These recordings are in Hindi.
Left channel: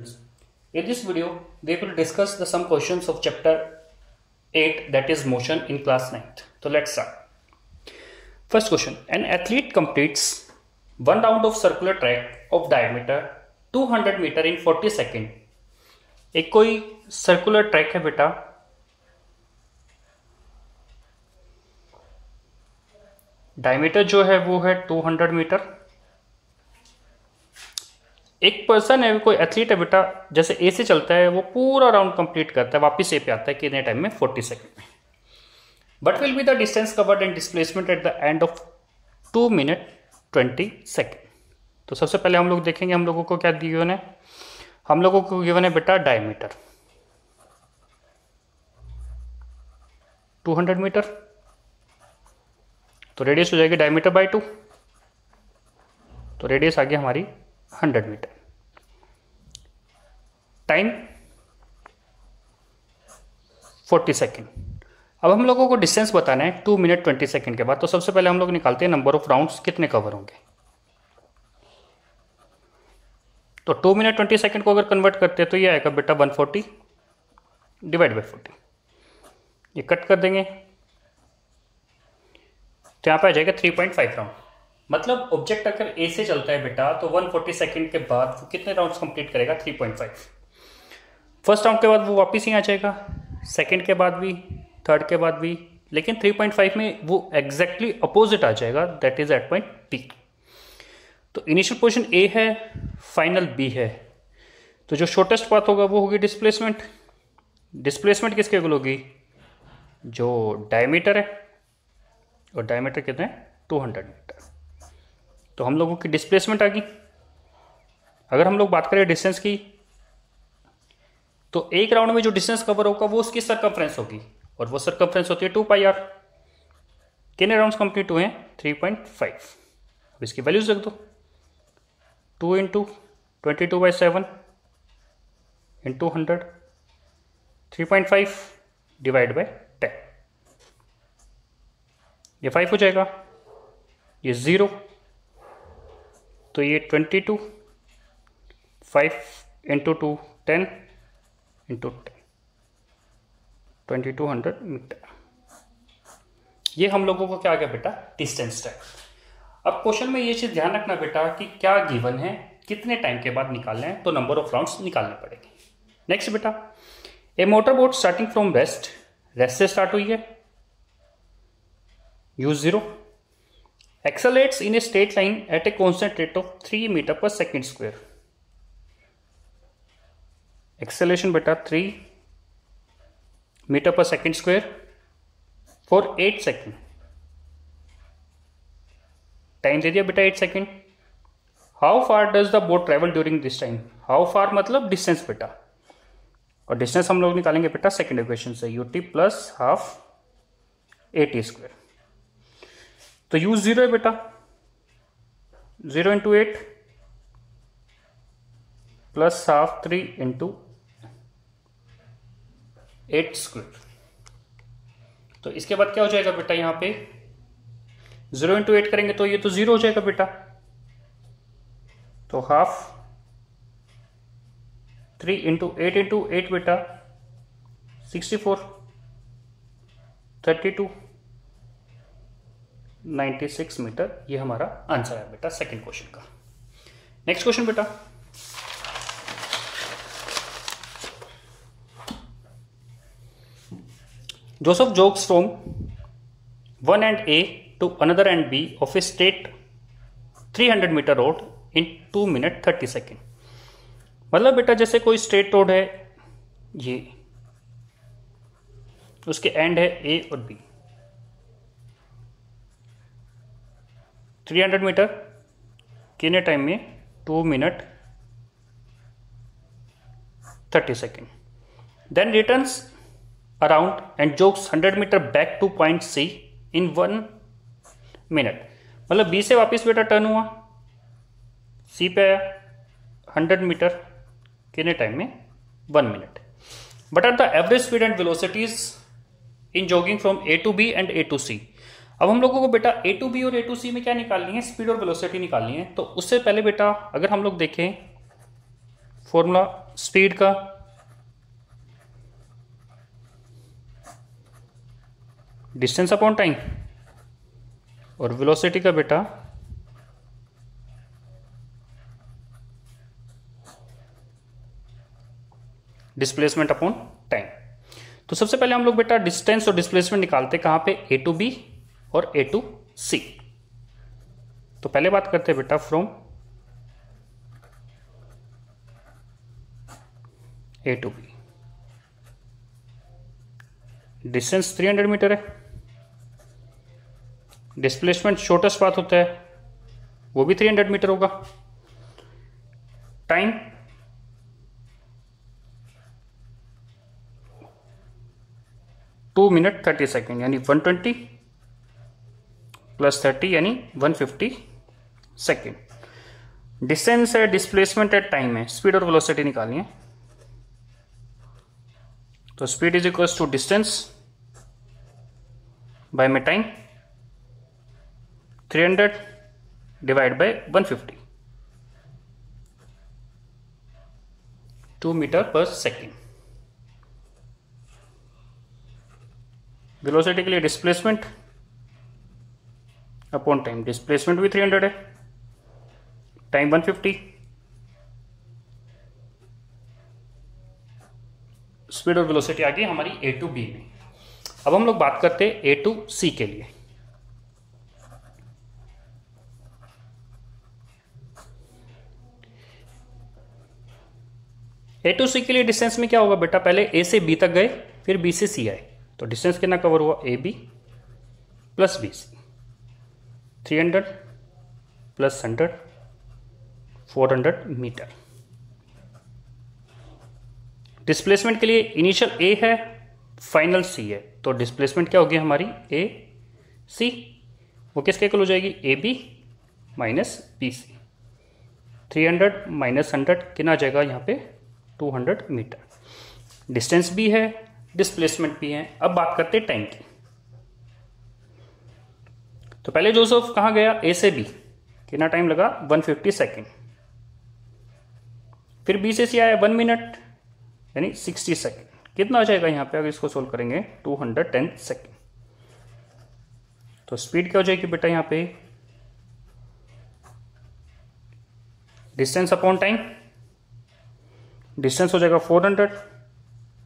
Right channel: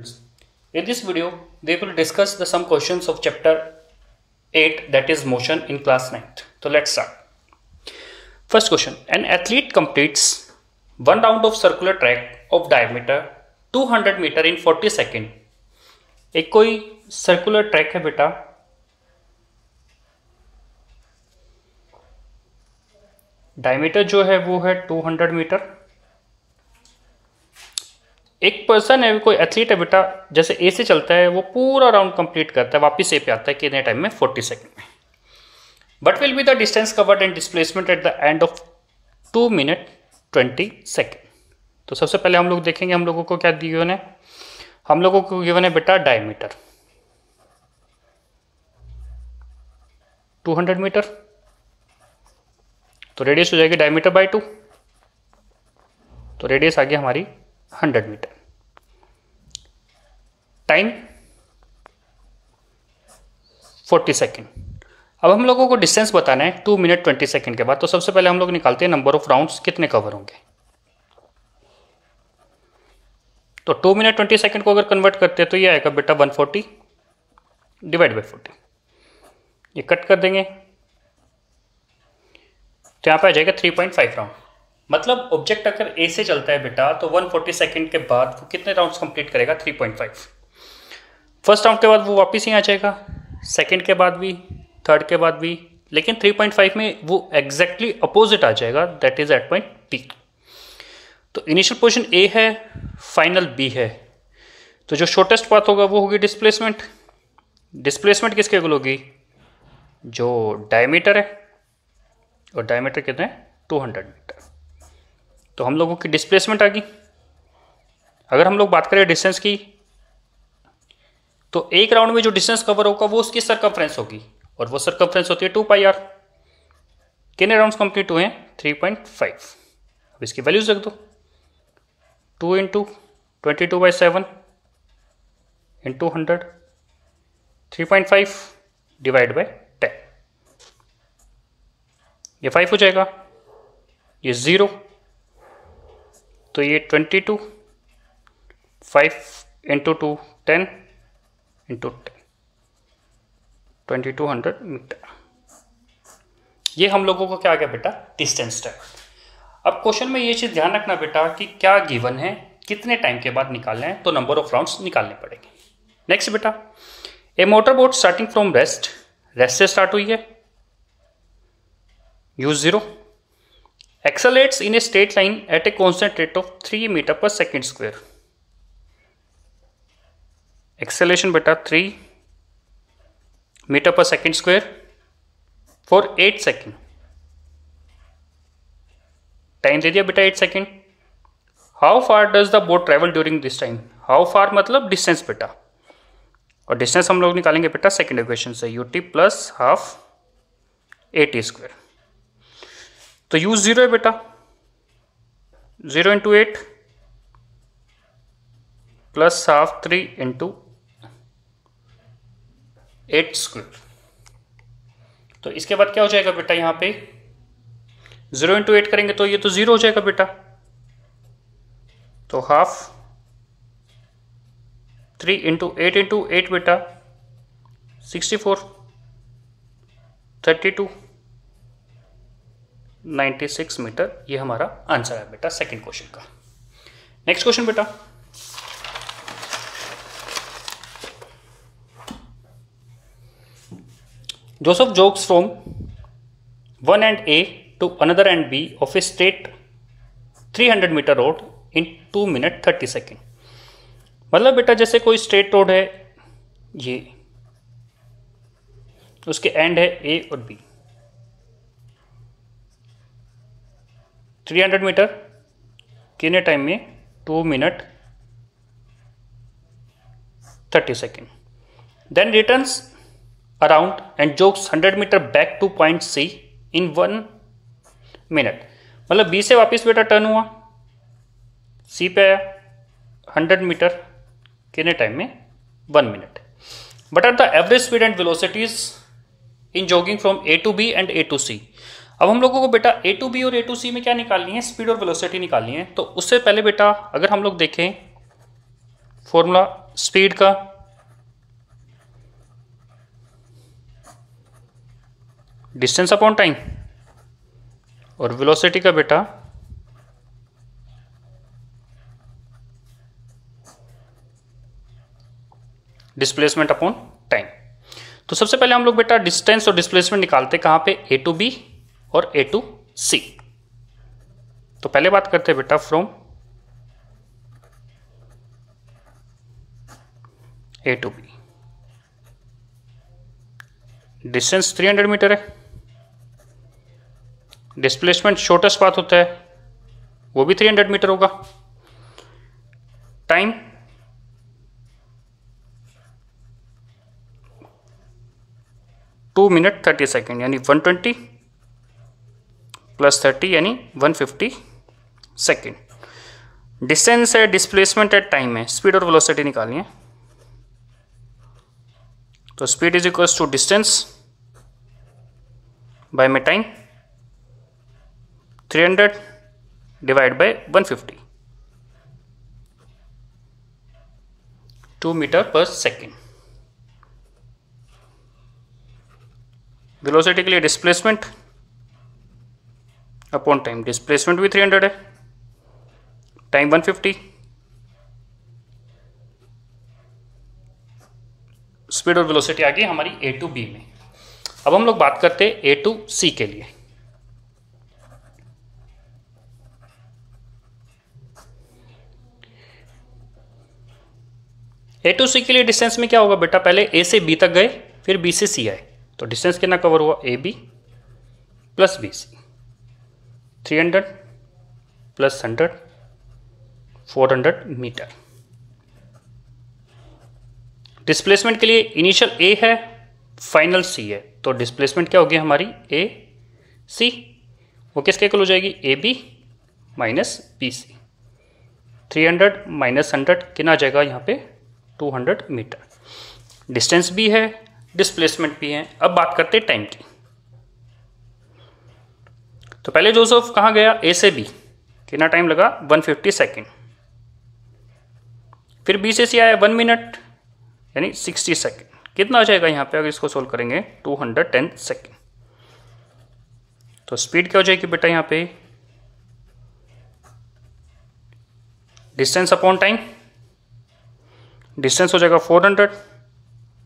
In this video, we will discuss some questions of chapter 8, that is motion, in class 9th. So let's start. First question: an athlete completes one round of circular track of diameter 200 meter in 40 second. एक कोई सर्कुलर ट्रैक है बेटा, डायमीटर जो है वो है 200 मीटर. एक पर्सन है, कोई एथलीट है बेटा, जैसे ए से चलता है वो पूरा राउंड कंप्लीट करता है, वापस ए पे आता है कितने टाइम में? 40 सेकेंड में. But will be the distance covered and displacement at the end of 2 minute 20 second. तो सबसे पहले हम लोग देखेंगे हम लोगों को क्या गिवन है. हम लोगों को गिवन है बेटा डायमीटर 200 मीटर, तो रेडियस हो जाएगी डायमीटर बाय 2, तो रेडियस आ गई हमारी 100 मीटर. Time 40 second. अब हम लोगों को डिस्टेंस बताना है 2 मिनट 20 सेकेंड के बाद. तो सबसे पहले हम लोग निकालते हैं नंबर ऑफ राउंड्स कितने कवर होंगे. तो 2 मिनट 20 सेकेंड को अगर कन्वर्ट करते हैं तो ये आएगा बेटा 140 डिवाइड बाई 40. ये कट कर देंगे तो यहाँ पे आ जाएगा 3.5 राउंड. मतलब ऑब्जेक्ट अगर ए से चलता है बेटा तो 140 सेकेंड के बाद वो कितने राउंड्स कंप्लीट करेगा? 3.5. फर्स्ट राउंड के बाद वो वापस ही आ जाएगा, सेकेंड के बाद भी, थर्ड के बाद भी, लेकिन 3.5 में वो एग्जैक्टली अपोजिट आ जाएगा, that is at point P. तो इनिशियल पोजीशन ए है, फाइनल बी है, तो जो शॉर्टेस्ट पाथ होगा वो होगी डिस्प्लेसमेंट. डिस्प्लेसमेंट किसके इक्वल होगी? जो डायमीटर है, और डायमीटर कितने हैं? 200 मीटर. तो हम लोगों की डिस्प्लेसमेंट आ गई. अगर हम लोग बात करें डिस्टेंस की, तो एक राउंड में जो डिस्टेंस कवर होगा वो उसकी सर्कमफ्रेंस होगी, और वो सर्कमफ्रेंस होती है 2πr. कितने राउंड्स कंप्लीट हुए हैं? 3.5. अब इसकी वैल्यूज रख दो. 2 इंटू 22/7 इंटू 100, 3.5 डिवाइड बाय 10. ये 5 हो जाएगा, ये 0, तो ये 22, 5 इंटू 2 10 इंटू 10, 2200 मीटर. ये हम लोगों को क्या आ गया बेटा? Distance time. अब क्वेश्चन में ये चीज ध्यान रखना बेटा कि क्या गिवन है, कितने टाइम के बाद निकालना है, तो नंबर ऑफ राउंड्स निकालने पड़ेंगे. नेक्स्ट बेटा, a motor boat starting from rest से स्टार्ट हुई है, u0, accelerates in a straight line at a constant rate of 3 metre पर सेकेंड स्क्वायर. एक्सेलरेशन बेटा 3 मीटर पर second square for 8 second. Time दे दिया बेटा 8 second. How far does the boat travel during this time? How far मतलब डिस्टेंस बेटा, और डिस्टेंस हम लोग निकालेंगे बेटा सेकेंड इक्वेशन से, ut plus half at square. तो u0 है बेटा 0 into 8 plus half 3 into 8 square. तो इसके बाद क्या हो जाएगा बेटा? यहां पे 0 इंटू 8 करेंगे तो ये तो 0 हो जाएगा बेटा, तो हाफ 3 इंटू 8 बेटा 64, 32, 96 मीटर. ये हमारा आंसर है बेटा सेकंड क्वेश्चन का. नेक्स्ट क्वेश्चन बेटा, Joseph jogs from one end A to another end B of a straight 300 meter road in 2 minute 30 second. मतलब बेटा जैसे कोई स्ट्रेट रोड है, ये उसके एंड है A और B, 300 मीटर कितने टाइम में? 2 minute 30 second. Then returns around and jogs 100 metre back to point C in 1 minute. मतलब बी से वापस बेटा टर्न हुआ, सी पे आया, 100 मीटर कितने टाइम में? 1 minute. But are the average speed and velocities in jogging from A to B and A to C. अब हम लोगों को बेटा ए टू बी और ए टू सी में क्या निकालनी है? स्पीड और वेलोसिटी निकालनी है. तो उससे पहले बेटा अगर हम लोग देखें फॉर्मूला स्पीड का डिस्टेंस अपॉन टाइम, और वेलोसिटी का बेटा डिस्प्लेसमेंट अपॉन टाइम। तो सबसे पहले हम लोग बेटा डिस्टेंस और डिस्प्लेसमेंट निकालते कहां पे, ए टू बी और ए टू सी। तो पहले बात करते हैं बेटा from A to B. Distance 300 meter है, डिस्प्लेसमेंट शॉर्टेस्ट पाथ होता है वो भी 300 मीटर होगा, टाइम 2 मिनट 30 सेकेंड यानी 120 प्लस 30 यानी 150 सेकेंड। डिस्टेंस है, डिस्प्लेसमेंट है, टाइम है, स्पीड और वेलोसिटी निकालनी है। तो speed is equals to distance by में टाइम, 300 डिवाइड बाय 150, 2 मीटर पर सेकेंड। वेलोसिटी के लिए डिस्प्लेसमेंट अपॉन टाइम, डिस्प्लेसमेंट भी 300 है, टाइम 150, स्पीड और वेलोसिटी आ गई हमारी ए टू बी में। अब हम लोग बात करते हैं ए टू सी के लिए। ए टू सी के लिए डिस्टेंस में क्या होगा बेटा, पहले ए से बी तक गए फिर बी से सी आए, तो डिस्टेंस कितना कवर हुआ, A B plus B C, 300 plus 100 400 meter. Displacement के लिए इनिशियल ए है, फाइनल सी है, तो डिस्प्लेसमेंट क्या होगी हमारी ए सी, वो किसके इक्वल हो जाएगी, A B minus B C. 300 minus 100 कितना आ जाएगा यहाँ पे 200 मीटर। डिस्टेंस भी है, डिस्प्लेसमेंट भी है। अब बात करते हैं टाइम की। तो पहले जोसेफ कहाँ गया, ए से बी, कितना टाइम लगा 150 सेकेंड। फिर बी से सी आया 1 मिनट यानी 60 सेकेंड। कितना आ जाएगा यहाँ पे अगर इसको सोल्व करेंगे 210 सेकेंड। तो स्पीड क्या हो जाएगी बेटा यहाँ पे, डिस्टेंस अपॉन टाइम, डिस्टेंस हो जाएगा 400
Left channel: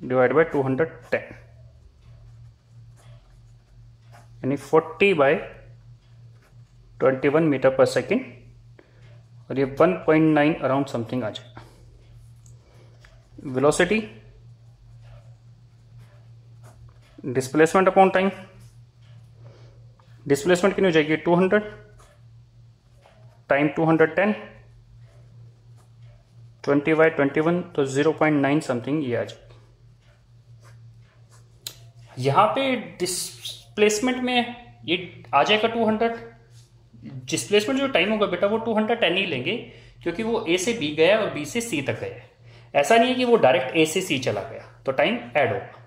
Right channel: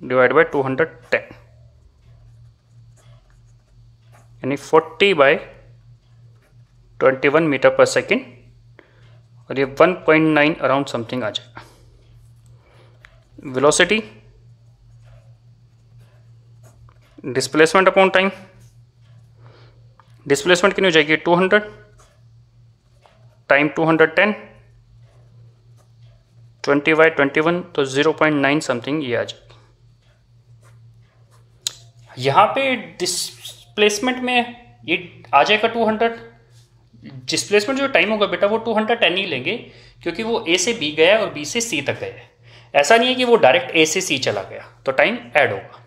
डिवाइड बाय 210 यानी 40/21 मीटर पर सेकेंड, और ये 1.9 अराउंड समथिंग आ जाएगा। Velocity, displacement upon time, displacement कितनी हो जाएगी 200, टाइम 210, 20/21 तो 0.9 समथिंग ये आ जाएगी। यहाँ पे डिस्प्लेसमेंट में ये आ जाएगा 200, डिस्प्लेसमेंट जो टाइम होगा बेटा वो 210 ही लेंगे, क्योंकि वो ए से बी गया और बी से सी तक गया है। ऐसा नहीं है कि वो डायरेक्ट ए से सी चला गया, तो टाइम ऐड होगा।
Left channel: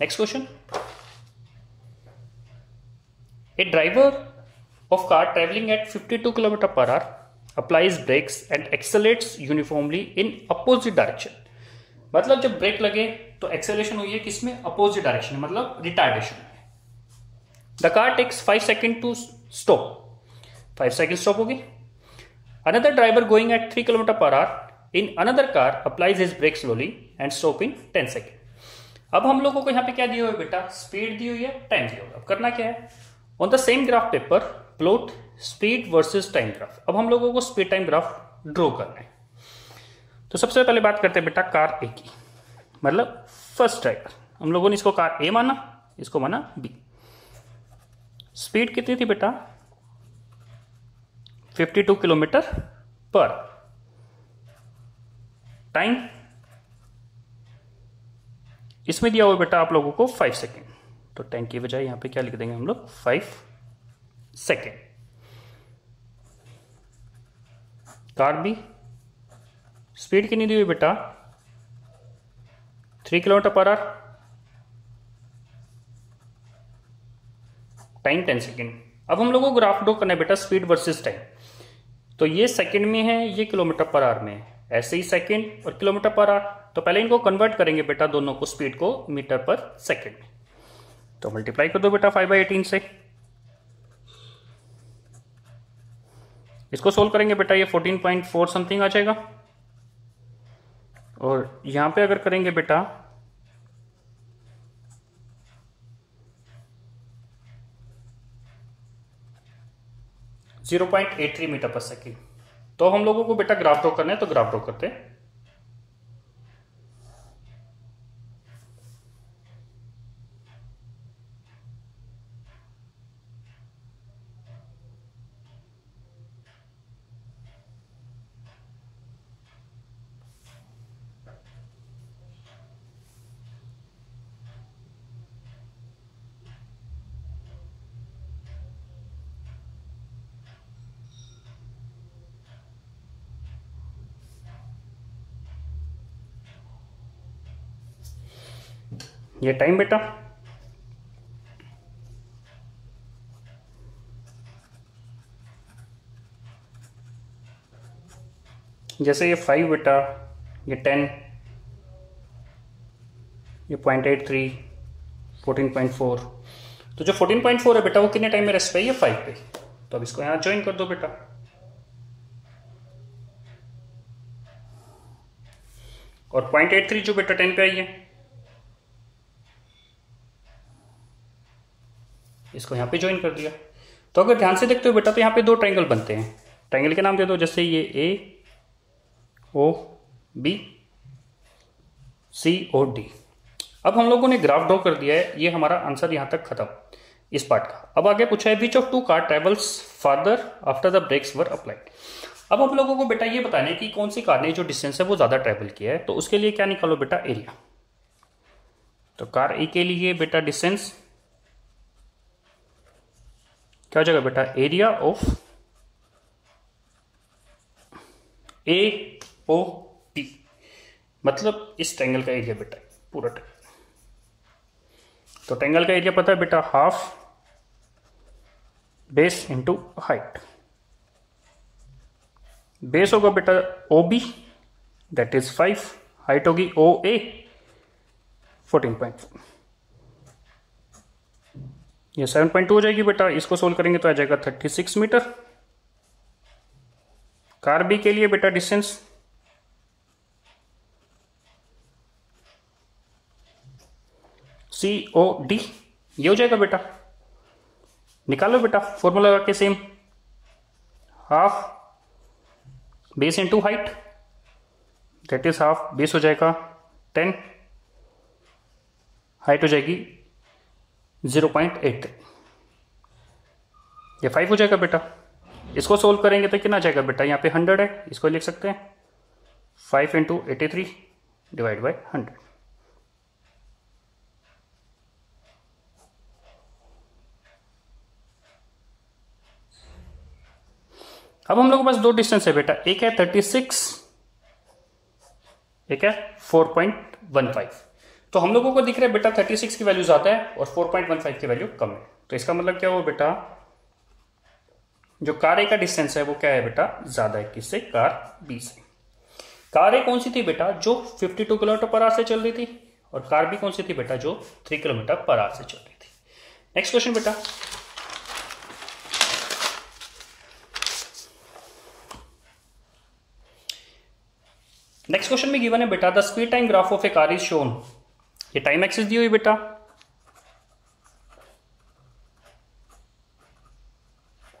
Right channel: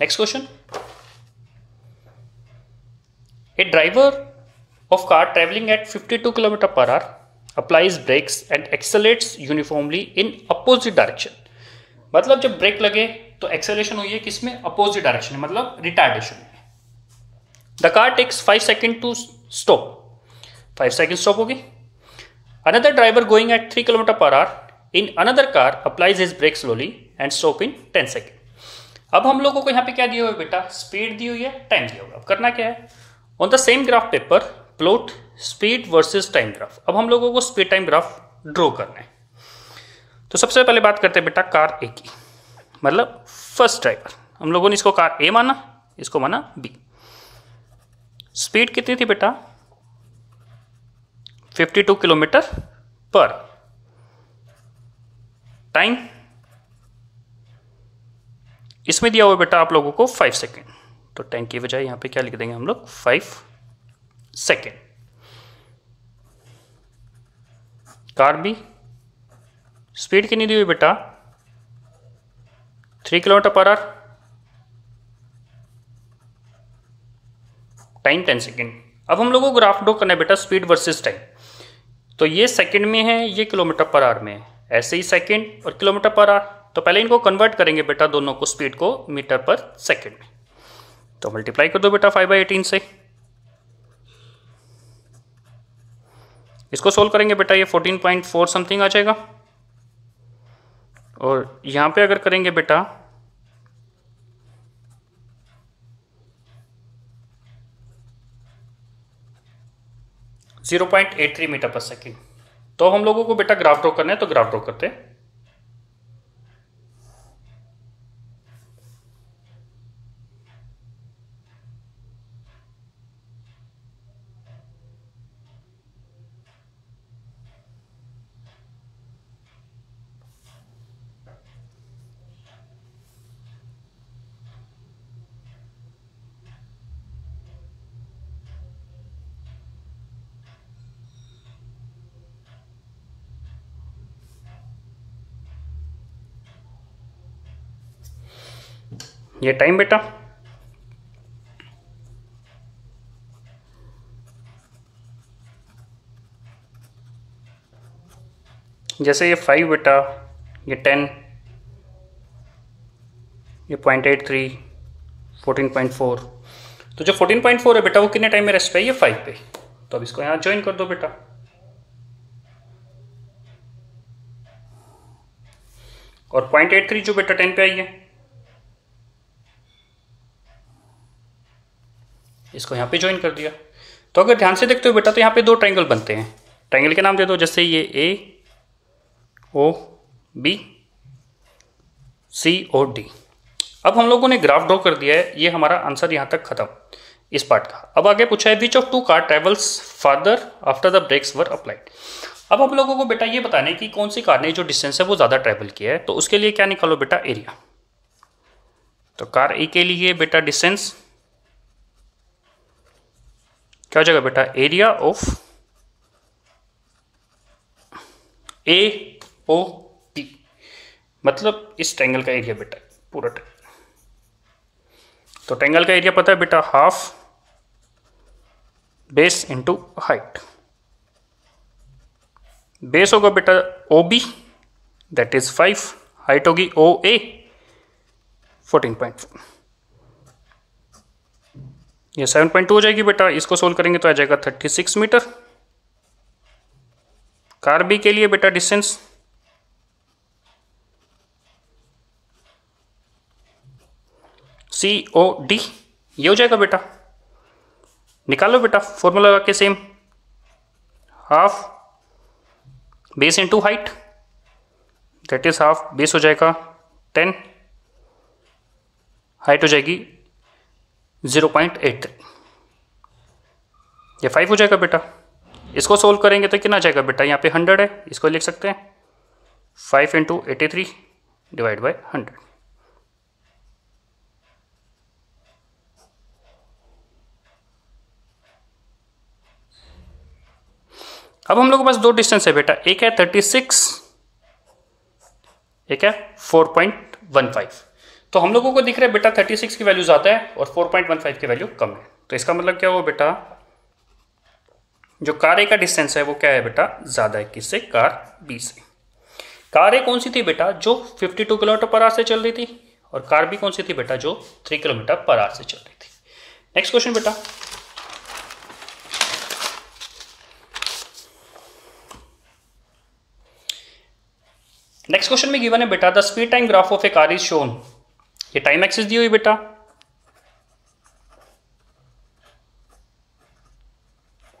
Next question, A driver of car travelling at 52 kilometre per our applies brakes and accelerates uniformly in opposite direction। मतलब जब ब्रेक लगे तो एक्सेलरेशन हुई है किसमें, अपोजिट डायरेक्शन में, मतलब रिटार्डेशन में। The car takes 5 second to stop, 5 second stop होगी। Another driver going at 3 kilometre per hour in another car applies his brake slowly and stop in 10 second. अब हम लोगों को यहाँ पे क्या दिया हुआ है बेटा, स्पीड दी हुई है, टाइम दिया हुआ है। अब करना क्या है, on the same graph paper plot speed versus time graph. अब हम लोगों को स्पीड टाइम ग्राफ ड्रॉ करना है। तो सबसे पहले बात करते हैं बेटा कार ए की, मतलब फर्स्ट ड्राइवर। हम लोगों ने इसको कार ए माना, इसको माना बी। स्पीड कितनी थी बेटा 52 किलोमीटर पर। टाइम इसमें दिया हुआ बेटा आप लोगों को 5 सेकेंड, तो टाइम की बजाय यहां पे क्या लिख देंगे हम लोग 5 सेकेंड। कार बी स्पीड कितनी दी हुई बेटा 3 kilometre per hour, time 10 second. अब हम लोगों को ग्राफ ड्रॉ करना है बेटा स्पीड वर्सेस टाइम। तो ये सेकेंड में है, ये किलोमीटर पर आवर में है। ऐसे ही सेकंड और किलोमीटर पर आवर। तो पहले इनको कन्वर्ट करेंगे बेटा दोनों को, स्पीड को मीटर पर सेकंड में। तो मल्टीप्लाई कर दो बेटा 5/18 से। इसको सोल्व करेंगे बेटा, ये 14.4 समथिंग आ जाएगा। और यहां पे अगर करेंगे बेटा 0.83 मीटर पर सेकेंड। तो हम लोगों को बेटा ग्राफ ड्रॉ करना है, तो ग्राफ ड्रॉ करते हैं। ये टाइम बेटा, जैसे ये 5 बेटा, ये 10, ये 0.83, 14.4। तो जो 14.4 है बेटा वो कितने टाइम में रेस्ट पे है? ये 5 पे। तो अब इसको यहां ज्वाइन कर दो बेटा। और 0.83 जो बेटा 10 पे आई है, इसको यहाँ पे ज्वाइन कर दिया। तो अगर ध्यान से देखते हो बेटा, तो यहाँ पे दो ट्रायंगल बनते हैं। ट्रायंगल के नाम दे दो, जैसे ये AOB, COD। अब हम लोगों ने ग्राफ ड्रॉ कर दिया है, ये हमारा आंसर यहाँ तक खत्म इस पार्ट का। अब आगे पूछा है which of two car travels farther after the brakes were applied. अब हम लोगों को बेटा ये बताना है कि कौन सी कार ने जो डिस्टेंस है वो ज़्यादा ट्रेवल किया है। तो उसके लिए क्या निकालो बेटा? एरिया। तो कार ए के लिए बेटा डिस्टेंस क्या हो जाएगा बेटा? एरिया ऑफ AOP, मतलब इस ट्रायंगल का एरिया बेटा, पूरा ट्रायंगल। तो ट्रायंगल का एरिया पता है बेटा, half base into height. Base होगा बेटा OB, दैट इज 5, हाइट होगी OA 14.4, ये 7.2 हो जाएगी बेटा। इसको सोल्व करेंगे तो आ जाएगा 36 मीटर। कार बी के लिए बेटा डिस्टेंस COD, ये हो जाएगा बेटा। निकालो बेटा फॉर्मूला लगा के same, half base into height, that is half base हो जाएगा 10, हाइट हो जाएगी 0.83, ये 5 हो जाएगा बेटा। इसको सोल्व करेंगे तो कितना आ जाएगा बेटा? यहाँ पे 100 है, इसको लिख सकते हैं 5 इंटू 83 डिवाइड बाई 100। अब हम लोग के पास दो डिस्टेंस है बेटा, एक है 36, एक है 4.15। तो हम लोगों को दिख रहा है बेटा 36 की वैल्यू ज़्यादा है और 4.15 की वैल्यू कम है। तो इसका मतलब क्या हुआ बेटा? जो कार ए का डिस्टेंस है वो क्या है बेटा? ज़्यादा है किससे? कार बी से। कार ए कौन सी थी बेटा? जो 52 किलोमीटर पर आवर से चल रही थी, और कार बी कौन सी थी बेटा? जो 3 किलोमीटर पर आवर से चल रही थी। नेक्स्ट क्वेश्चन बेटा, नेक्स्ट क्वेश्चन में गिवन है बेटा the speed time graph of A car is shown. ये टाइम एक्सिस दी हुई बेटा,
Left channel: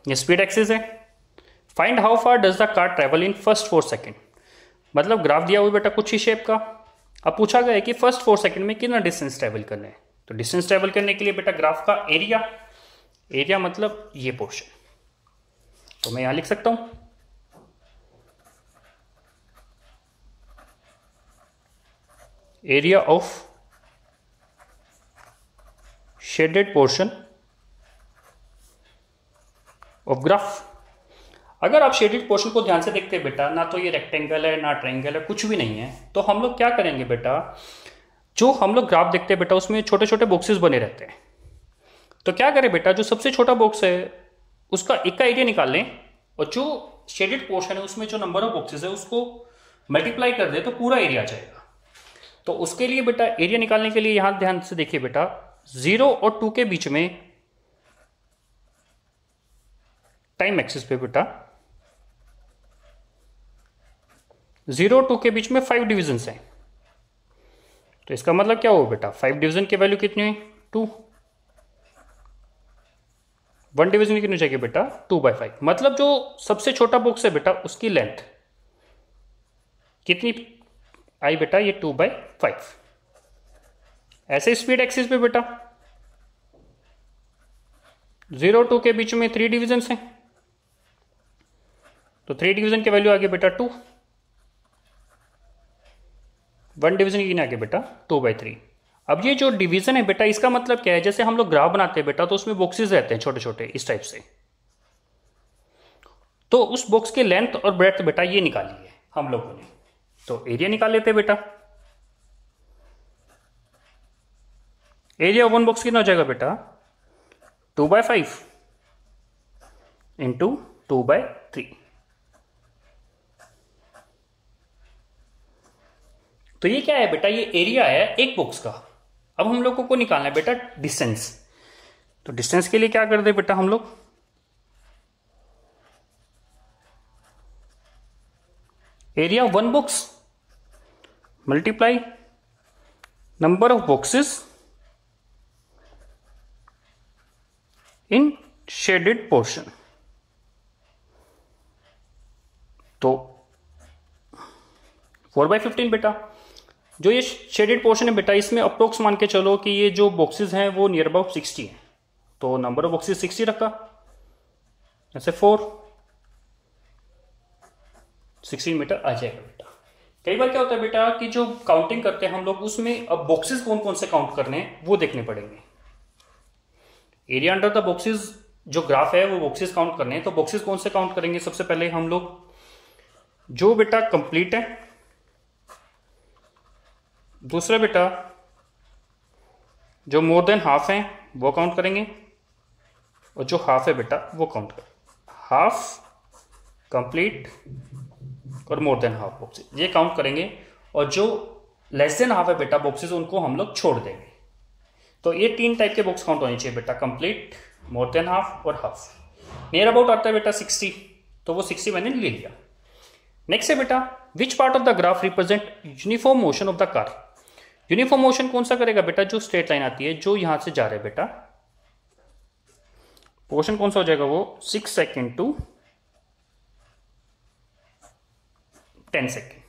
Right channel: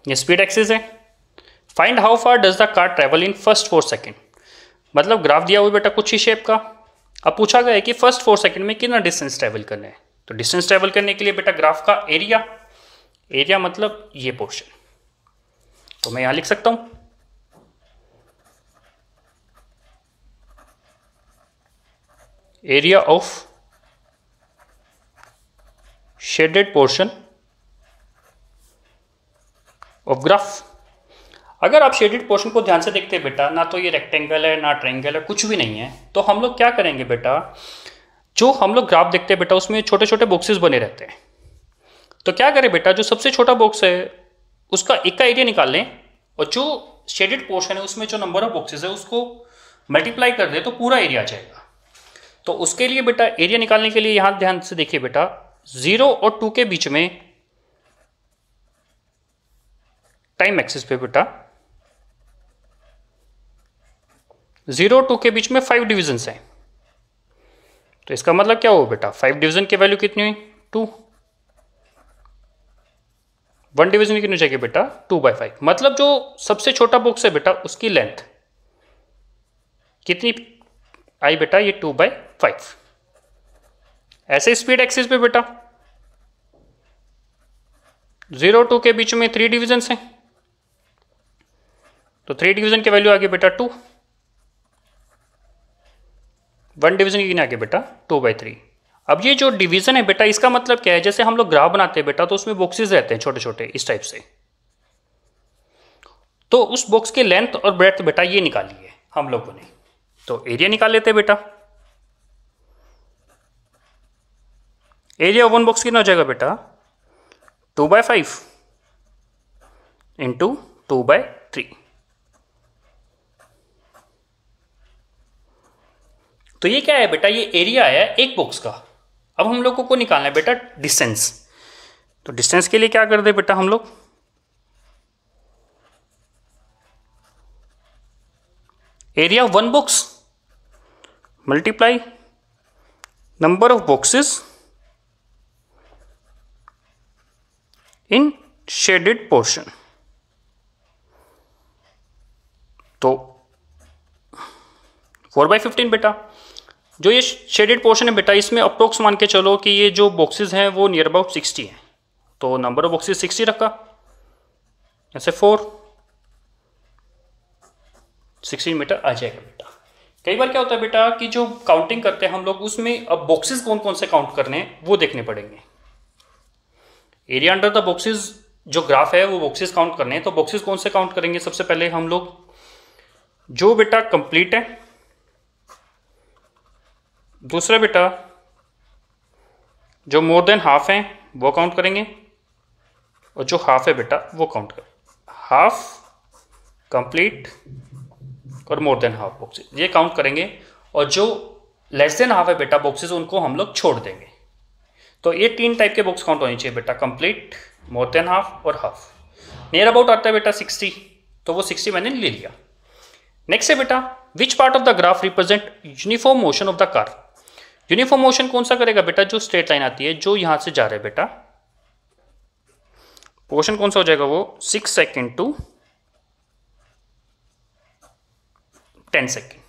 ये स्पीड एक्सिस है। Find how far does the car travel in first 4 second. मतलब ग्राफ दिया हुआ बेटा कुछ ही शेप का। अब पूछा गया है कि फर्स्ट 4 सेकेंड में कितना डिस्टेंस ट्रेवल करना है। तो डिस्टेंस ट्रेवल करने के लिए बेटा ग्राफ का एरिया, एरिया मतलब ये पोर्शन, तो मैं यहां लिख सकता हूं area of shaded portion of graph. अगर आप शेडेड पोर्शन को ध्यान से देखते हैं बेटा, ना तो ये रेक्टेंगल है ना ट्रायंगल है, कुछ भी नहीं है। तो हम लोग क्या करेंगे बेटा, जो हम लोग ग्राफ देखते हैं बेटा उसमें छोटे छोटे बॉक्सेस बने रहते हैं। तो क्या करें बेटा, जो सबसे छोटा बॉक्स है उसका एक का एरिया निकाल लें, और जो शेडेड पोर्शन है उसमें जो नंबर ऑफ बॉक्सेस है उसको मल्टीप्लाई कर दे तो पूरा एरिया आ जाएगा। तो उसके लिए बेटा एरिया निकालने के लिए यहां ध्यान से देखिए बेटा, 0 और 2 के बीच में टाइम एक्सिस पे बेटा 0 और 2 के बीच में 5 डिविजन्स हैं। तो इसका मतलब क्या होगा बेटा, 5 डिवीजन की वैल्यू कितनी हुई 2, 1 डिवीजन कितनी हो जाएगी बेटा 2/5। मतलब जो सबसे छोटा बॉक्स है बेटा उसकी लेंथ कितनी आई बेटा, ये 2/5। ऐसे स्पीड एक्सिस पे बेटा 0 2 के बीच में 3 डिविजन्स हैं, तो 3 डिवीजन की वैल्यू आ गई बेटा 2, 1 डिवीजन की कितनी आ गई बेटा 2/3। अब ये जो डिवीजन है बेटा इसका मतलब क्या है, जैसे हम लोग ग्राफ बनाते हैं बेटा तो उसमें बॉक्सेस रहते हैं छोटे छोटे इस टाइप से, तो उस बॉक्स की लेंथ और ब्रेड्थ बेटा ये निकाली है हम लोगों ने। तो एरिया निकाल लेते हैं बेटा। एरिया वन बॉक्स कितना हो जाएगा बेटा 2/5 इंटू 2/3। तो ये क्या है बेटा, ये एरिया है एक बॉक्स का। अब हम लोगों को निकालना है बेटा डिस्टेंस। तो डिस्टेंस के लिए क्या कर दे बेटा हम लोग, area one box multiply number of boxes in shaded portion. तो 4/15 बेटा, जो ये शेडेड पोर्शन है बेटा इसमें अप्रोक्स मान के चलो कि ये जो बॉक्सेस हैं वो नियर अबाउट 60 हैं, तो नंबर ऑफ बॉक्सेस 60 रखा, ऐसे 16 मीटर आ जाएगा बेटा। कई बार क्या होता है बेटा कि जो काउंटिंग करते हैं हम लोग उसमें अब बॉक्सेस कौन कौन से काउंट करने हैं वो देखने पड़ेंगे। एरिया अंडर द बॉक्सेस जो ग्राफ है वो बॉक्सेस काउंट करने हैं, तो बॉक्सेस कौन से काउंट करेंगे, सबसे पहले हम लोग जो बेटा कंप्लीट है, दूसरा बेटा जो मोर देन हाफ है वो काउंट करेंगे, और जो हाफ है बेटा वो काउंट कर, हाफ कंप्लीट और मोर देन हाफ बॉक्सेस ये काउंट करेंगे, और जो लेस देन हाफ है बेटा बॉक्सेस उनको हम लोग छोड़ देंगे। तो ये 3 टाइप के बॉक्स काउंट होने चाहिए बेटा, कंप्लीट, मोर देन हाफ और हाफ। नियर अबाउट आता है बेटा 60, तो वो 60 मैंने ले लिया। नेक्स्ट है बेटा which part of the graph represent uniform motion of the car. Uniform motion कौन सा करेगा बेटा, जो स्ट्रेट लाइन आती है जो यहां से जा रहा है बेटा, पोर्शन कौन सा हो जाएगा वो 6 second to 10 second.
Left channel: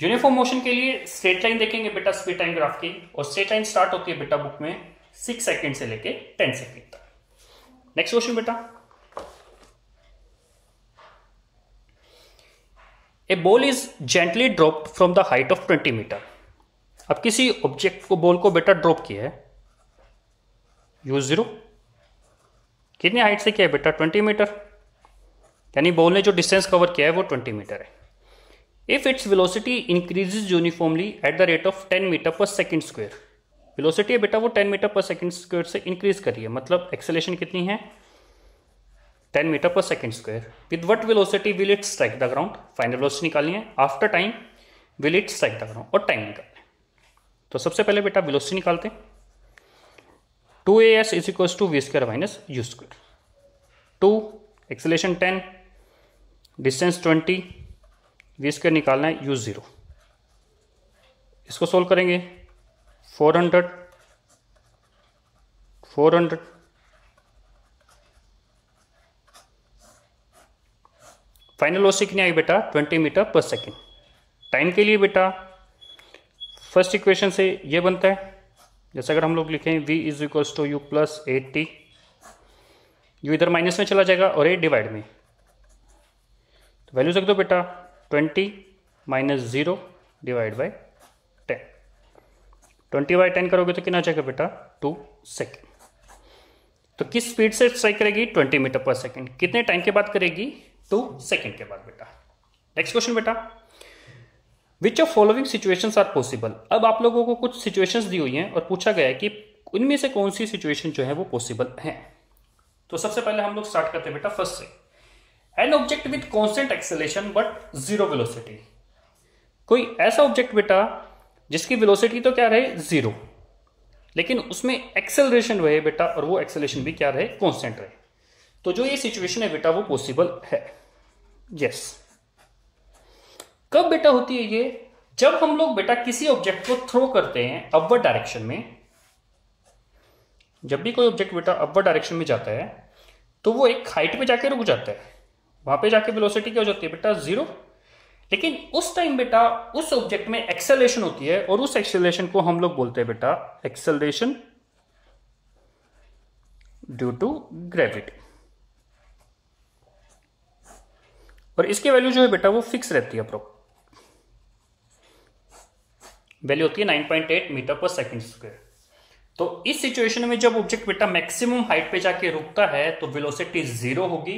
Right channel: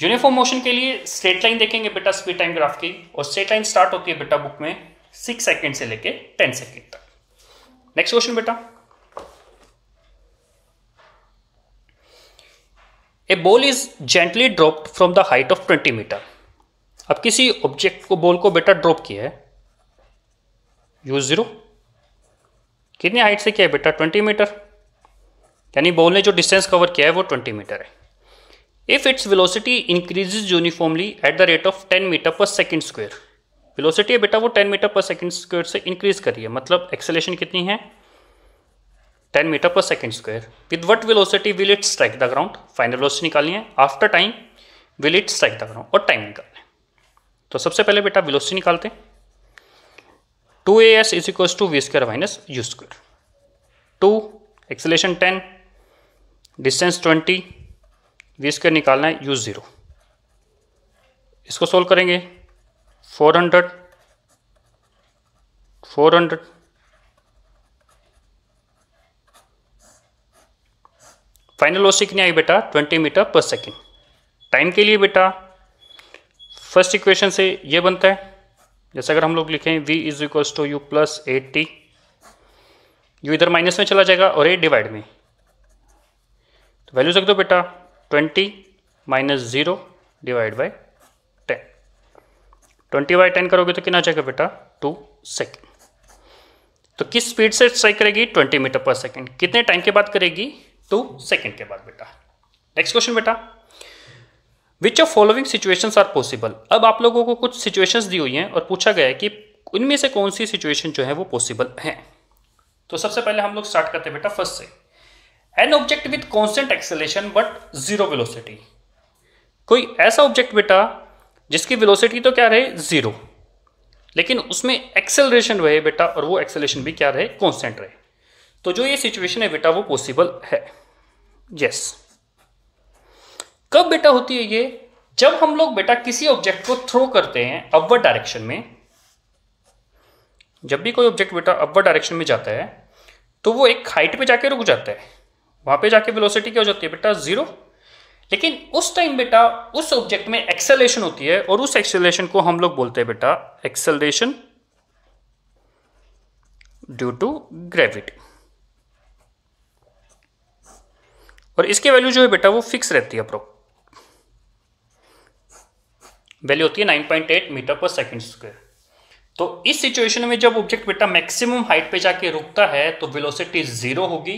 Uniform motion के लिए स्ट्रेट लाइन देखेंगे बेटा स्पीड टाइम ग्राफ की, और स्ट्रेट लाइन स्टार्ट होती है बेटा बुक में 6 सेकेंड से लेके 10 सेकेंड तक। नेक्स्ट क्वेश्चन बेटा, a ball is gently dropped from the height of 20 metre. अब किसी ऑब्जेक्ट को बॉल को बेटा ड्रॉप किया है U0, कितनी हाइट से किया है बेटा 20 मीटर, यानी बॉल ने जो डिस्टेंस कवर किया है वो 20 मीटर है। If its velocity increases uniformly at the rate of 10 meter पर सेकेंड स्क्वायर। वेलोसिटी है बेटा वो 10 मीटर पर सेकेंड स्क्वायर से इंक्रीज करी है, मतलब एक्सेलेरेशन कितनी है 10 मीटर पर second square. With what velocity will it strike the ground. Final velocity निकालनी है, after time will it strike the ground, और टाइम निकालना है। तो सबसे पहले बेटा वेलोसिटी निकालते हैं, 2as is equal to v square minus u square. 2 acceleration 10 distance 20 v square निकालना है U0। इसको सोल्व करेंगे 400 फाइनल वेलोसिटी कितनी आई बेटा 20 मीटर पर सेकेंड। टाइम के लिए बेटा फर्स्ट इक्वेशन से ये बनता है, जैसे अगर हम लोग लिखें v is equals to u plus 8t, u इधर माइनस में चला जाएगा और 8 डिवाइड में, तो वैल्यूज रख दो बेटा 20 माइनस 0 डिवाइड बाई 10। 20/10 करोगे तो कितना आ जाएगा बेटा 2 सेकेंड। तो किस स्पीड से स्ट्राइक करेगी 20 मीटर पर सेकेंड, कितने टाइम के बाद करेगी 2 सेकेंड के बाद बेटा। नेक्स्ट क्वेश्चन बेटा, which of following situations are possible. अब आप लोगों को कुछ सिचुएशंस दी हुई हैं और पूछा गया है कि उनमें से कौन सी सिचुएशन जो है वो पॉसिबल है। तो सबसे पहले हम लोग स्टार्ट करते हैं बेटा फर्स्ट से, an object with constant acceleration but zero velocity. कोई ऐसा ऑब्जेक्ट बेटा जिसकी वेलोसिटी तो क्या रहे 0, लेकिन उसमें एक्सेलरेशन रहे बेटा, और वो एक्सेलरेशन भी क्या रहे कांस्टेंट रहे। तो जो ये सिचुएशन है बेटा वो पॉसिबल है। यस। कब बेटा होती है ये? जब हम लोग बेटा किसी ऑब्जेक्ट को थ्रो करते हैं अपवर्ड डायरेक्शन में। जब भी कोई ऑब्जेक्ट बेटा अपवर्ड डायरेक्शन में जाता है तो वो एक हाइट पे जाके रुक जाता है, वहां पे जाके वेलोसिटी क्या हो जाती है बेटा 0। लेकिन उस टाइम बेटा उस ऑब्जेक्ट में एक्सेलरेशन होती है, और उस एक्सेलरेशन को हम लोग बोलते हैं बेटा एक्सेलरेशन ड्यू टू ग्रेविटी। और इसकी वैल्यू जो है बेटा वो फिक्स रहती है, वैल्यू होती है 9.8 मीटर पर सेकंड स्क्वायर। तो इस सिचुएशन में जब ऑब्जेक्ट बेटा मैक्सिमम हाइट पे जाके रुकता है तो वेलोसिटी 0 होगी,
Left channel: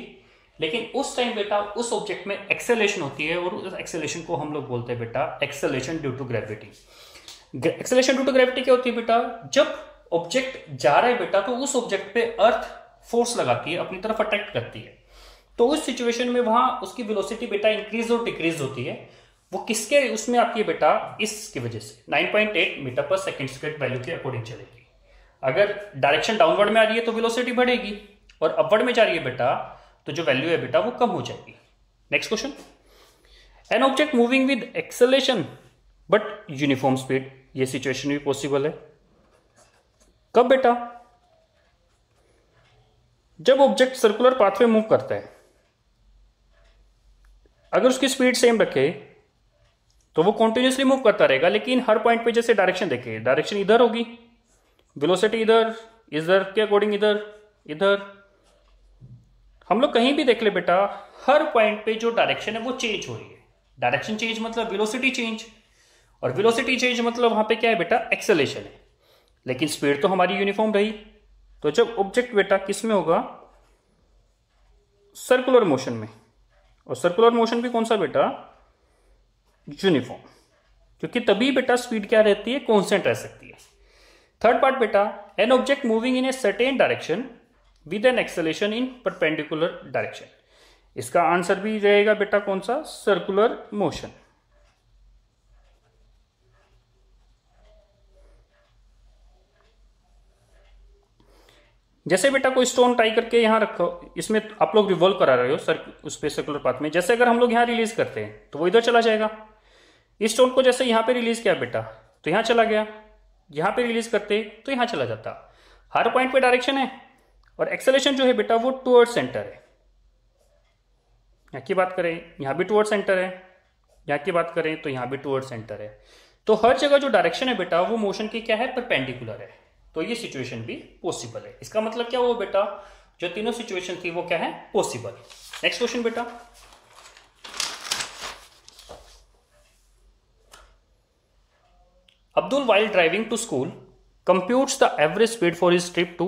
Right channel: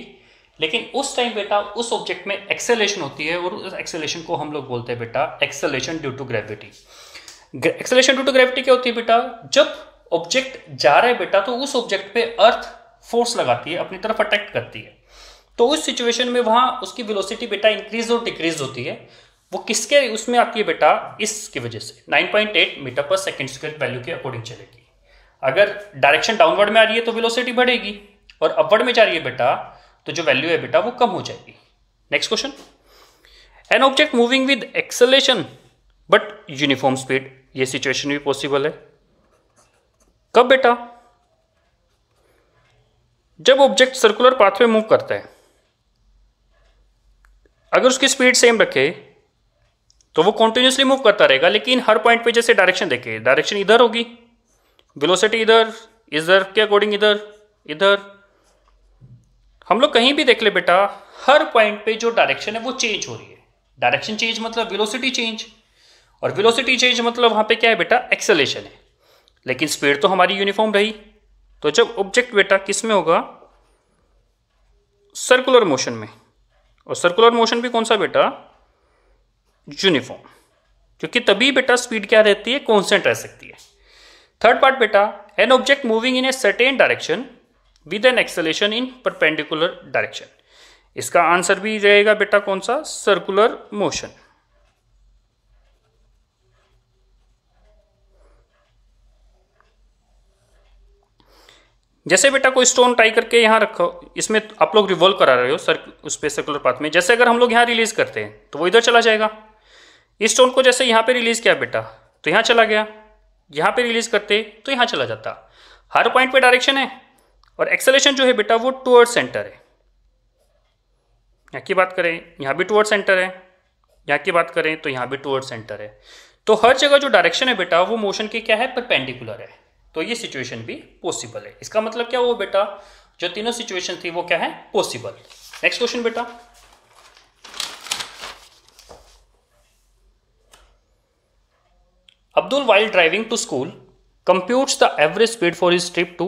लेकिन उस टाइम बेटा उस ऑब्जेक्ट में एक्सेलरेशन होती है, और उस एक्सेलरेशन को हम लोग बोलते हैं बेटा acceleration due to gravity. Acceleration due to gravity क्या होती है बेटा? जब ऑब्जेक्ट जा रहा है बेटा तो उस ऑब्जेक्ट पे अर्थ फोर्स लगाती है, अपनी तरफ अट्रैक्ट करती है। तो उस सिचुएशन में वहां उसकी वेलोसिटी बेटा इंक्रीज और डिक्रीज होती है। वो किसके उसमें आती है बेटा? इसकी वजह से 9.8 मीटर पर सेकंड स्क्वायर वैल्यू के अकॉर्डिंग चलेगी। अगर डायरेक्शन डाउनवर्ड में आ रही है तो वेलोसिटी बढ़ेगी, और अपवर्ड में जा रही है बेटा तो जो वैल्यू है बेटा वो कम हो जाएगी। Next question, an object moving with acceleration but uniform speed. ये सिचुएशन भी पॉसिबल है। कब बेटा? जब ऑब्जेक्ट सर्कुलर पाथ में मूव करता है, अगर उसकी स्पीड सेम रखे तो वो कॉन्टिन्यूसली मूव करता रहेगा, लेकिन हर पॉइंट पे जैसे डायरेक्शन देखे, डायरेक्शन इधर होगी, वेलोसिटी इधर, इधर के अकॉर्डिंग इधर, इधर। हम लोग कहीं भी देख ले बेटा, हर पॉइंट पे जो डायरेक्शन है वो चेंज हो रही है। डायरेक्शन चेंज मतलब वेलोसिटी चेंज, और वेलोसिटी चेंज मतलब वहां पे क्या है बेटा? एक्सेलरेशन है। लेकिन स्पीड तो हमारी यूनिफॉर्म रही। तो जब ऑब्जेक्ट बेटा किस में होगा? सर्कुलर मोशन में। और सर्कुलर मोशन भी कौन सा बेटा? यूनिफॉर्म। क्योंकि तभी बेटा स्पीड क्या रहती है? कांस्टेंट रह सकती है। थर्ड पार्ट बेटा, an object moving in a certain direction with an acceleration in perpendicular direction. इसका आंसर भी रहेगा बेटा कौन सा? Circular motion. जैसे बेटा कोई स्टोन ट्राई करके यहां रखो, इसमें आप लोग रिवॉल्व करा रहे हो उस पे सर्कुलर पाथ में। जैसे अगर हम लोग यहां रिलीज करते हैं तो वो इधर चला जाएगा। इस स्टोन को जैसे यहां पे रिलीज किया बेटा तो यहां चला गया, यहां पे रिलीज करते तो यहां चला जाता। हर पॉइंट पे डायरेक्शन है, और एक्सेलरेशन जो है बेटा वो टुवर्ड सेंटर है। यहां की बात करें यहां भी टुवर्ड सेंटर है, यहां की बात करें तो यहां भी टुवर्ड सेंटर है। तो हर जगह जो डायरेक्शन है बेटा वो मोशन की क्या है? परपेंडिकुलर है। तो ये सिचुएशन भी पॉसिबल है। इसका मतलब क्या हुआ बेटा? जो तीनों सिचुएशन थी वो क्या है? पॉसिबल। नेक्स्ट क्वेश्चन बेटा, Abdul, while driving to school, computes the average speed for his trip to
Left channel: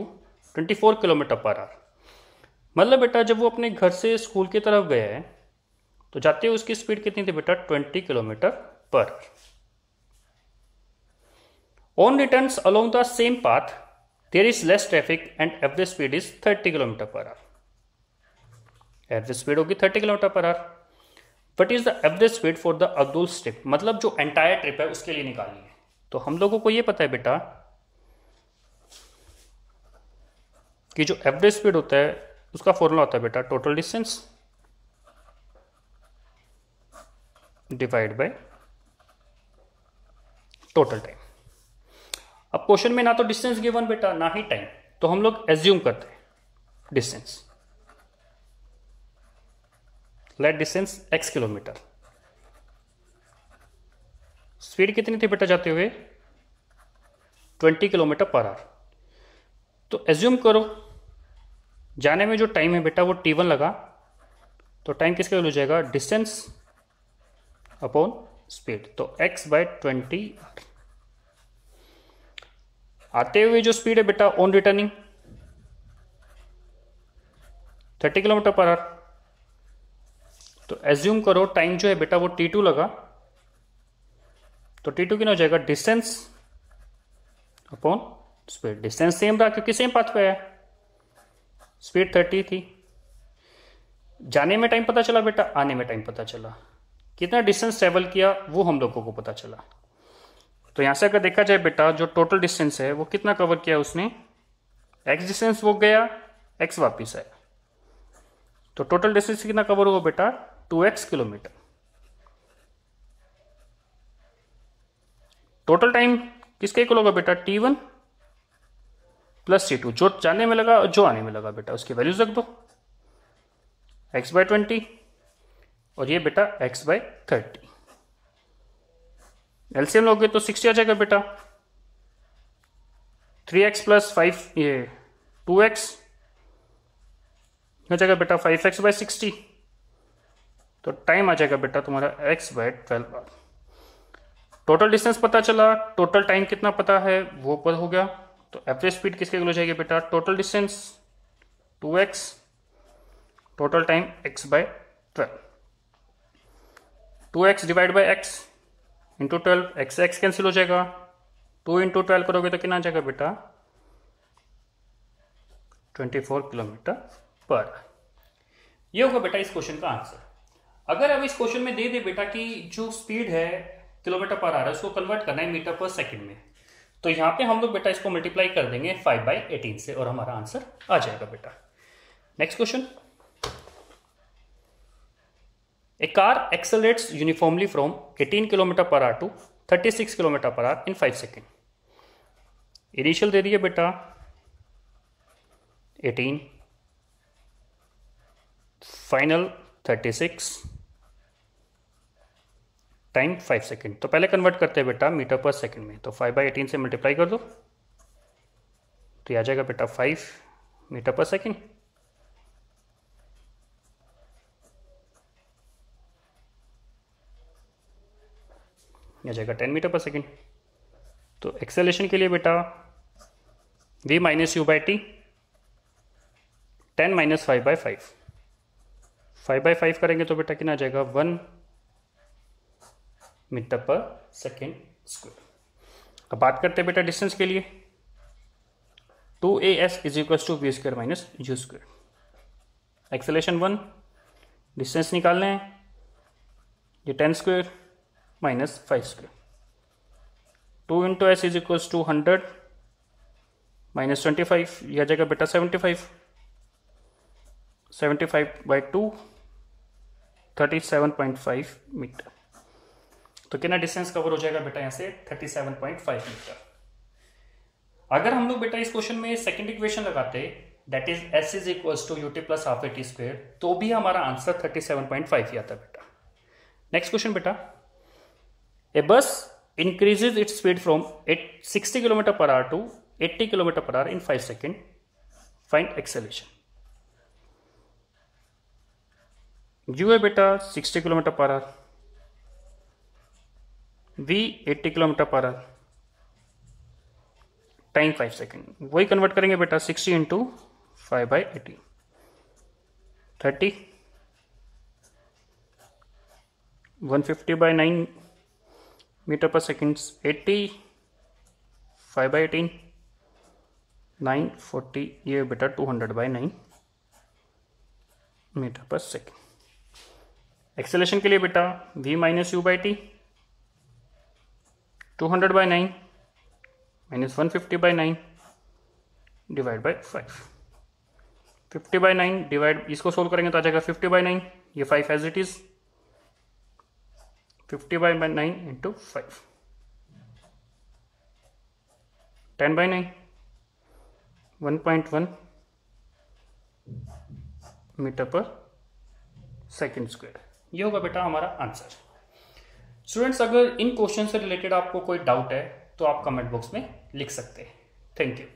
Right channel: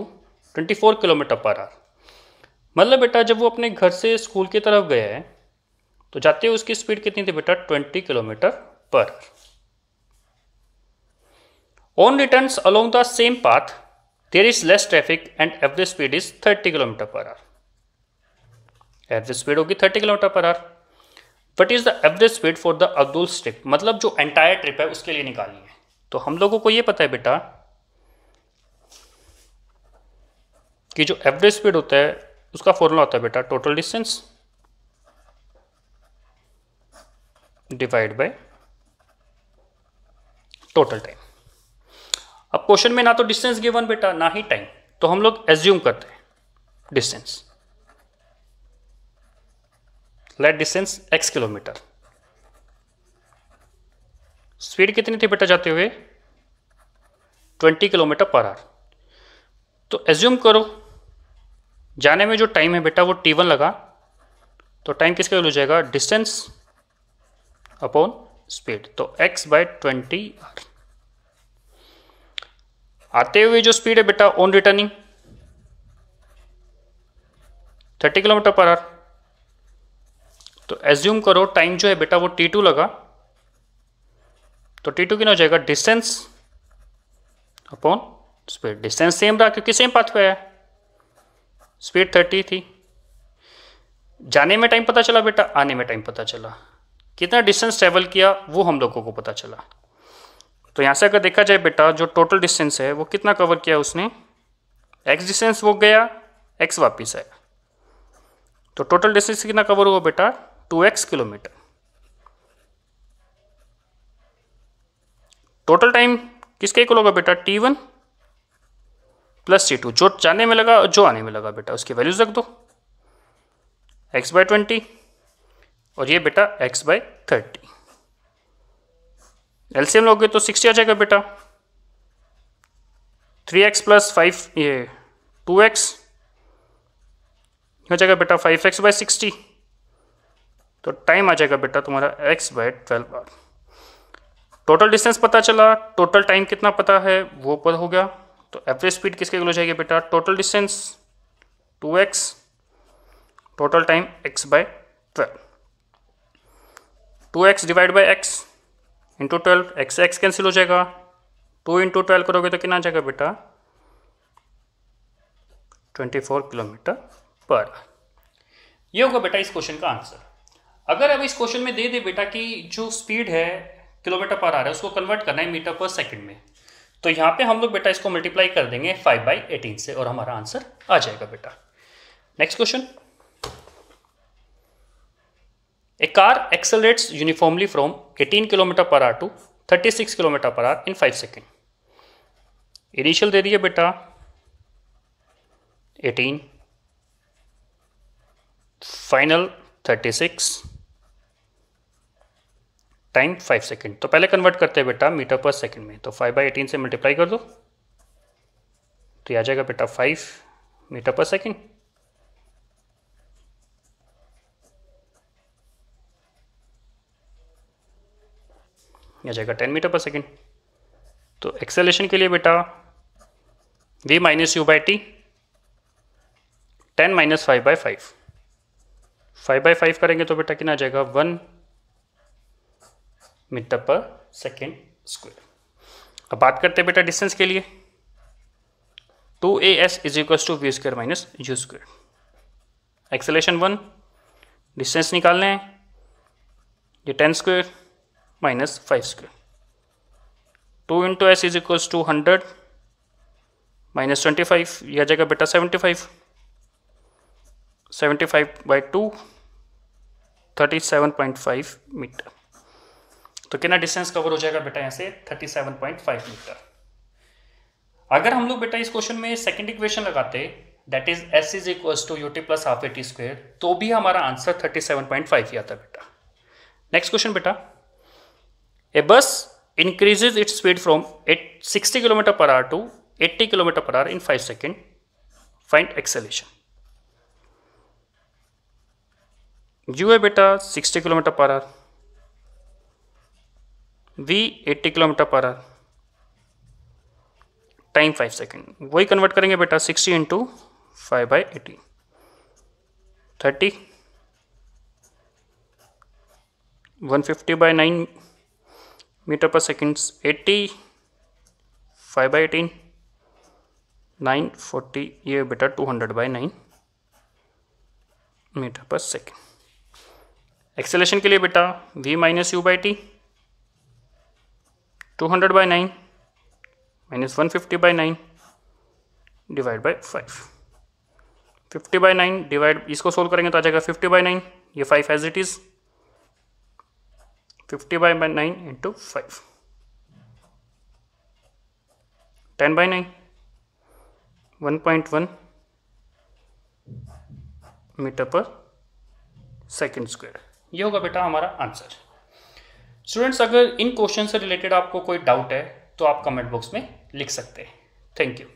24 kilometre per our. मतलब बेटा जब वो अपने घर से स्कूल की तरफ गया है तो जाते हुए उसकी स्पीड कितनी थी बेटा? 20 किलोमीटर पर। On returns along the same path there is less traffic and average speed is 30 kilometer per hour. Average speed होगी 30 kilometer per hour. What is the average speed for the अब्दुल ट्रिप? मतलब जो एंटायर ट्रिप है उसके लिए निकालनी है। तो हम लोगों को ये पता है बेटा कि जो एवरेज स्पीड होता है उसका फॉर्मूला होता है बेटा total distance divide by total time. अब क्वेश्चन में ना तो डिस्टेंस गिवन बेटा ना ही टाइम, तो हम लोग एज्यूम करते हैं distance. Let distance x kilometer. Speed कितनी थी बेटा जाते हुए? 20 किलोमीटर पर आवर। तो एज्यूम करो जाने में जो टाइम है बेटा वो t1 लगा, तो टाइम किसका हो जाएगा? डिस्टेंस अपॉन स्पीड, तो x बाय 20 आर। आते हुए जो स्पीड है बेटा on returning 30 kilometer per our. तो एज्यूम करो टाइम जो है बेटा वो t2 लगा, तो t2 कितना हो जाएगा? Distance upon speed. Distance same रहा क्योंकि सेम पाथ पे है। स्पीड 30 थी। जाने में टाइम पता चला बेटा, आने में टाइम पता चला। कितना डिस्टेंस ट्रेवल किया वो हम लोगों को पता चला। तो यहाँ से अगर देखा जाए बेटा, जो टोटल डिस्टेंस है वो कितना कवर किया उसने, एक्स डिस्टेंस वो गया, एक्स वापिस आया, तो टोटल डिस्टेंस कितना कवर हुआ बेटा, 2x किलोमीटर। टोटल टाइम किसके इक्वल होगा बेटा, t1 प्लस t2, जो जाने में लगा और जो आने में लगा बेटा उसकी वैल्यूज रख दो, x/20 और ये बेटा x/30। एलसीएम लोगे तो 60 आ जाएगा बेटा, 3x प्लस 5 ये 2x हो जाएगा बेटा 5x/60, तो टाइम आ जाएगा बेटा तुम्हारा x/12 आवर। टोटल डिस्टेंस पता चला, टोटल टाइम कितना पता है वो पता हो गया, तो एवरेज स्पीड किसके इक्वल हो जाएगी बेटा, total distance 2x, total time x/12, 2x divide by x into 12, x cancel हो जाएगा, 2 इंटू 12 करोगे तो कितना आ जाएगा बेटा, 24 किलोमीटर पर। ये होगा बेटा इस क्वेश्चन का आंसर। अगर अब इस क्वेश्चन में दे दे बेटा कि जो स्पीड है किलोमीटर पर आ रहा है उसको कन्वर्ट करना है मीटर पर सेकंड में, तो यहाँ पे हम लोग बेटा इसको मल्टीप्लाई कर देंगे 5/18 से और हमारा आंसर आ जाएगा बेटा। Next question, a car accelerates uniformly from 18 kilometre per hour to 36 kilometre per hour in 5 second. Initial दे दिए बेटा 18, फाइनल 36, टाइम 5 सेकेंड। तो पहले कन्वर्ट करते हैं बेटा मीटर पर सेकेंड में, तो 5/18 से मल्टीप्लाई कर दो तो आ जाएगा बेटा 5 मीटर पर सेकेंड। आ जाएगा 10 मीटर पर सेकेंड। तो एक्सेलेरेशन के लिए बेटा v minus u by T, 10 minus 5/5, 5/5 करेंगे तो बेटा कितना आ जाएगा 1 मीटर पर सेकेंड स्क्वायर। अब बात करते हैं बेटा डिस्टेंस के लिए, 2as is equal to v square minus u square. Acceleration 1, distance निकालने हैं, ये 10 square minus 5 square, 2 into S is equal to 100 minus 25, यह आ जाएगा बेटा 75, 75/2 37.5 मीटर। तो कितना डिस्टेंस कवर हो जाएगा बेटा यहाँ से 37.5 मीटर। अगर हम लोग बेटा इस क्वेश्चन में सेकंड इक्वेशन लगाते that is s is equal to ut plus half at square, तो भी हमारा आंसर 37.5 ही आता बेटा। नेक्स्ट क्वेश्चन बेटा, a bus increases its speed from 60 kilometer per hour to 80 kilometer per hour in 5 second, find acceleration. u है बेटा 60 kilometer per hour, v 80 kilometer per hour, time 5 second. वही कन्वर्ट करेंगे बेटा 60 इंटू 5/18, 30, 150/9 मीटर पर सेकेंड, 80, 5/18, 940, ये बेटा 200/9 मीटर पर सेकेंड। एक्सेलेरेशन के लिए बेटा v minus u by T, 200/9 minus 150/9 divide by 5, 50/9 divide, इसको सोल्व करेंगे तो आ जाएगा 50/9, ये 5 as it is, 50/9 into 5, 10/9, 1.1 meter पर सेकेंड स्क्वायर। ये होगा बेटा हमारा आंसर। स्टूडेंट्स, अगर इन क्वेश्चन से रिलेटेड आपको कोई डाउट है तो आप कमेंट बॉक्स में लिख सकते हैं। Thank you.